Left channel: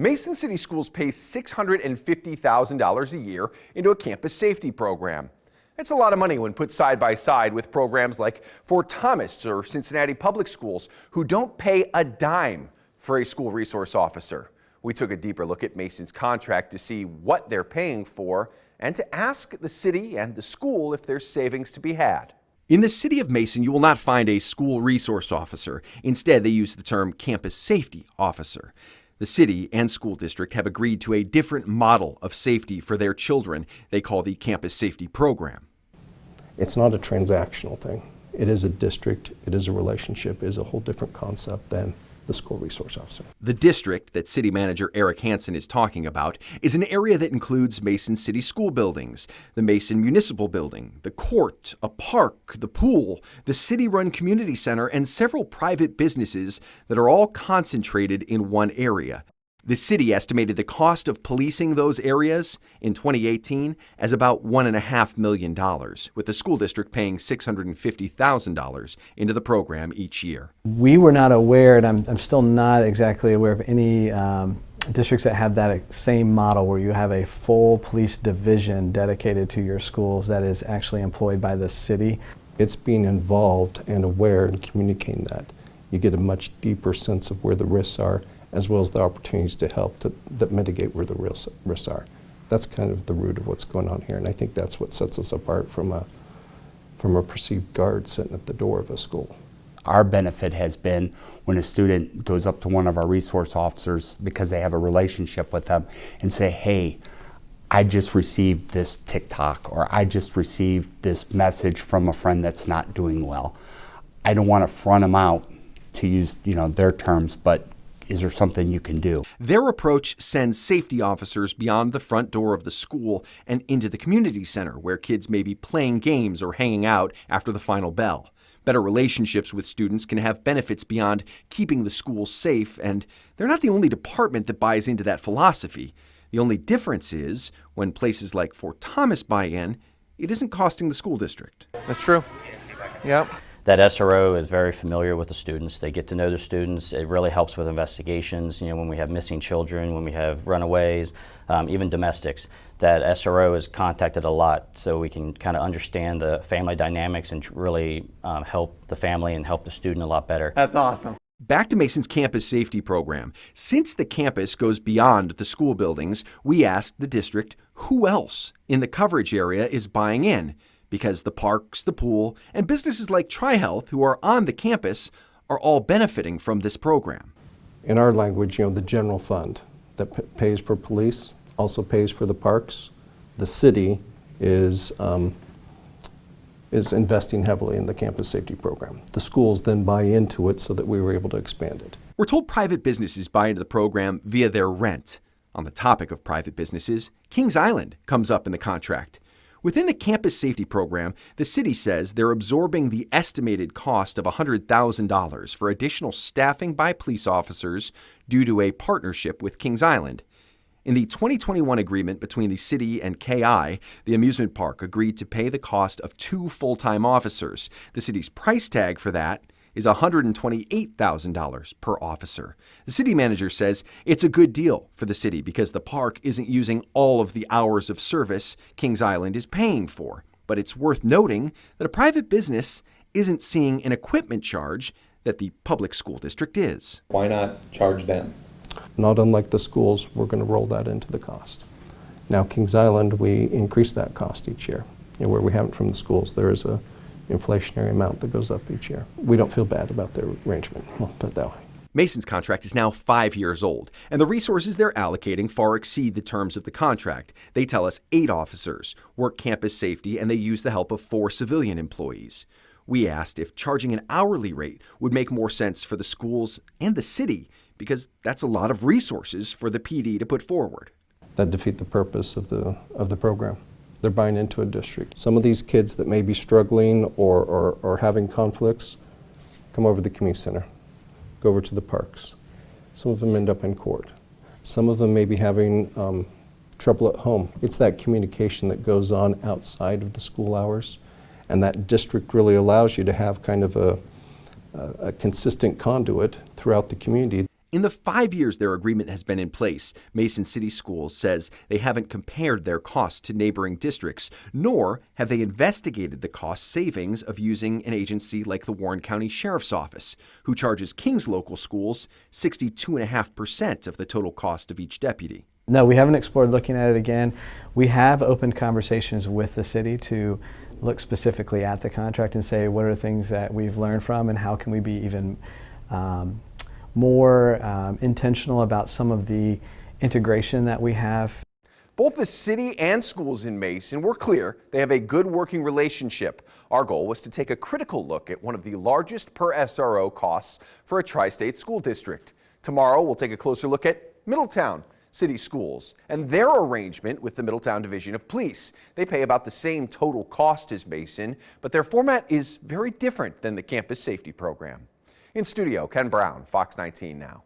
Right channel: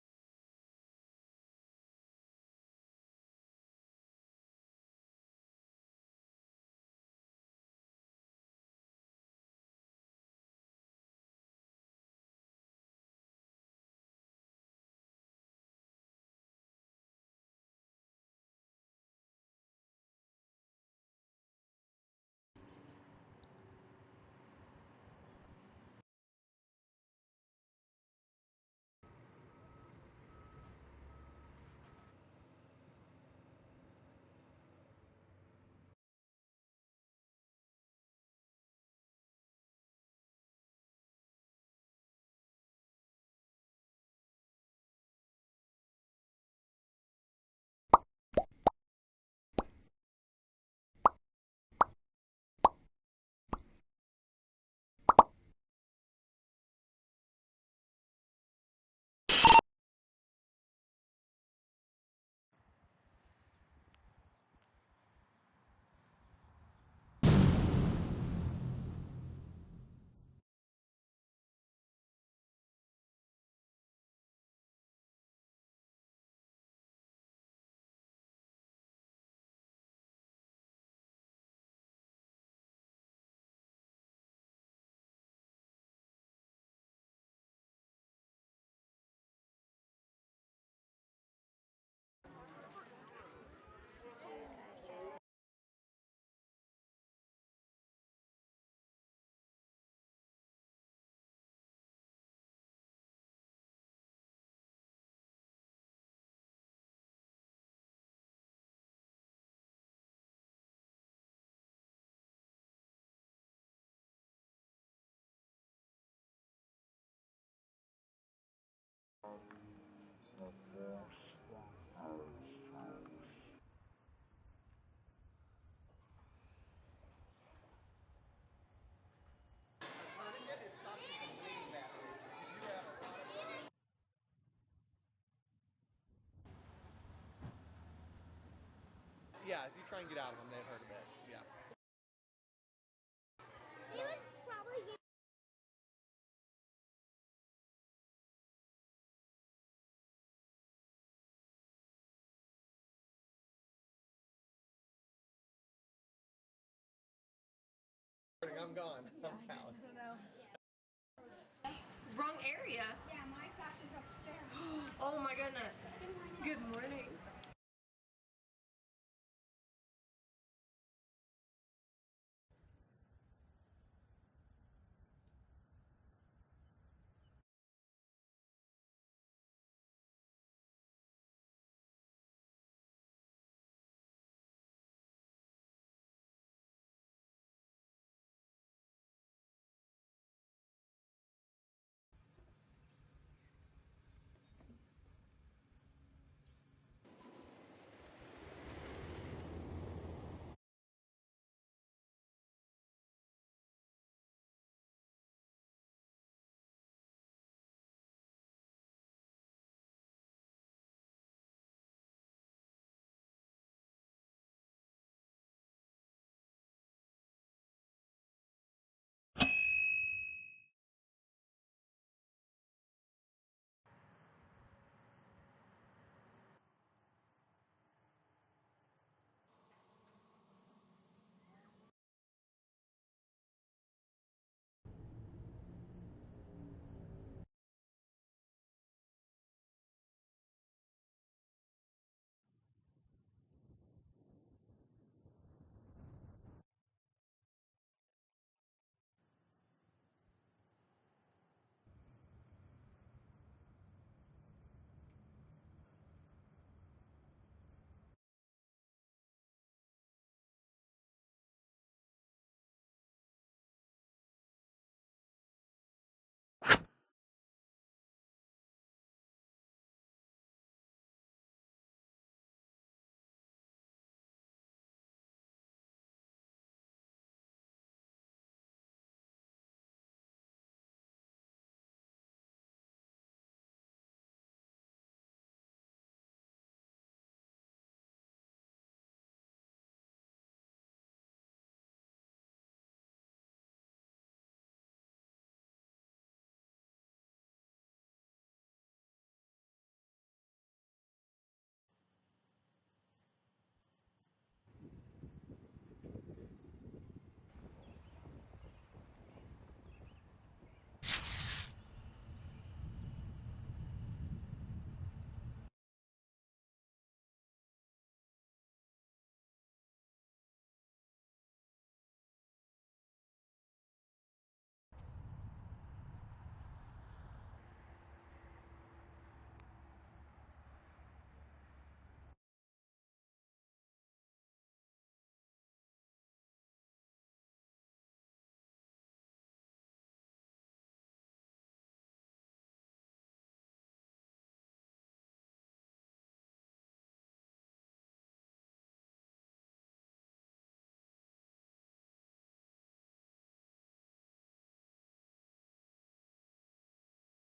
Mason City Schools pays $650,000 a year into a campus safety program. It's a lot of money when put side by side with programs like Fort Thomas or Cincinnati Public Schools, who don't pay a dime for a school resource officer. We took a deeper look at Mason's contract to see what they're paying for and to ask the city and the school if there's savings to be had. In the city of Mason, you will not find a school resource officer. Instead, they use the term campus safety officer. The city and school district have agreed to a different model of safety for their children they call the campus safety program. It's not a transactional thing. It is a district, it is a relationship, it is a whole different concept than the school resource officer. The district that city manager Eric Hansen is talking about is an area that includes Mason City School buildings, the Mason Municipal Building, the court, a park, the pool, the city-run community center, and several private businesses that are all concentrated in one area. The city estimated the cost of policing those areas in 2018 as about $1.5 million, with the school district paying $650,000 into the program each year. We were not aware, and I'm still not exactly aware of any districts that have that same model where you have a full police division dedicated to your schools that is actually employed by the city. It's being involved and aware and communicating that. You get a much deeper sense of where the risks are, as well as the opportunities to help that mitigate where the real risks are. That's kind of the root of what's going on here, and I think that's what sets us apart from a perceived guard sitting at the door of a school. Our benefit has been when a student goes up to one of our resource officers because they have a relationship with them and say, hey, I just received this TikTok, or I just received this message from a friend that's not doing well. I don't want to front them out, to use their terms, but is there something you can do? Their approach sends safety officers beyond the front door of the school and into the community center where kids may be playing games or hanging out after the final bell. Better relationships with students can have benefits beyond keeping the school safe, and they're not the only department that buys into that philosophy. The only difference is when places like Fort Thomas buy in, it isn't costing the school district. That's true. Yep. That SRO is very familiar with the students. They get to know the students. It really helps with investigations. When we have missing children, when we have runaways, even domestics, that SRO is contacted a lot so we can kind of understand the family dynamics and really help the family and help the student a lot better. That's awesome. Back to Mason's campus safety program. Since the campus goes beyond the school buildings, we asked the district who else in the coverage area is buying in, because the parks, the pool, and businesses like TriHealth, who are on the campus, are all benefiting from this program. In our language, the general fund that pays for police also pays for the parks. The city is investing heavily in the campus safety program. The schools then buy into it so that we were able to expand it. We're told private businesses buy into the program via their rent. On the topic of private businesses, Kings Island comes up in the contract. Within the campus safety program, the city says they're absorbing the estimated cost of $100,000 for additional staffing by police officers due to a partnership with Kings Island. In the 2021 agreement between the city and KI, the amusement park agreed to pay the cost of 2 full-time officers. The city's price tag for that is $128,000 per officer. The city manager says it's a good deal for the city because the park isn't using all of the hours of service Kings Island is paying for. But it's worth noting that a private business isn't seeing an equipment charge that the public school district is. Why not charge them? Not unlike the schools, we're going to roll that into the cost. Now, Kings Island, we increase that cost each year. Where we haven't from the schools, there is a inflationary amount that goes up each year. We don't feel bad about their arrangement, we'll put it that way. Mason's contract is now 5 years old, and the resources they're allocating far exceed the terms of the contract. They tell us 8 officers work campus safety, and they use the help of 4 civilian employees. We asked if charging an hourly rate would make more sense for the schools and the city, because that's a lot of resources for the PD to put forward. That defeat the purpose of the program. They're buying into a district. Some of these kids that may be struggling or having conflicts come over to the community center, go over to the parks. Some of them end up in court. Some of them may be having trouble at home. It's that communication that goes on outside of the school hours, and that district really allows you to have kind of a consistent conduit throughout the community. In the 5 years their agreement has been in place, Mason City Schools says they haven't compared their costs to neighboring districts, nor have they investigated the cost savings of using an agency like the Warren County Sheriff's Office, who charges King's local schools 62.5% of the total cost of each deputy. No, we haven't explored looking at it again. We have opened conversations with the city to look specifically at the contract and say what are things that we've learned from and how can we be even more intentional about some of the integration that we have. Both the city and schools in Mason were clear they have a good working relationship. Our goal was to take a critical look at one of the largest per SRO costs for a tri-state school district. Tomorrow we'll take a closer look at Middletown City Schools and their arrangement with the Middletown Division of Police. They pay about the same total cost as Mason, but their format is very different than the campus safety program. In studio, Ken Brown, Fox 19 Now.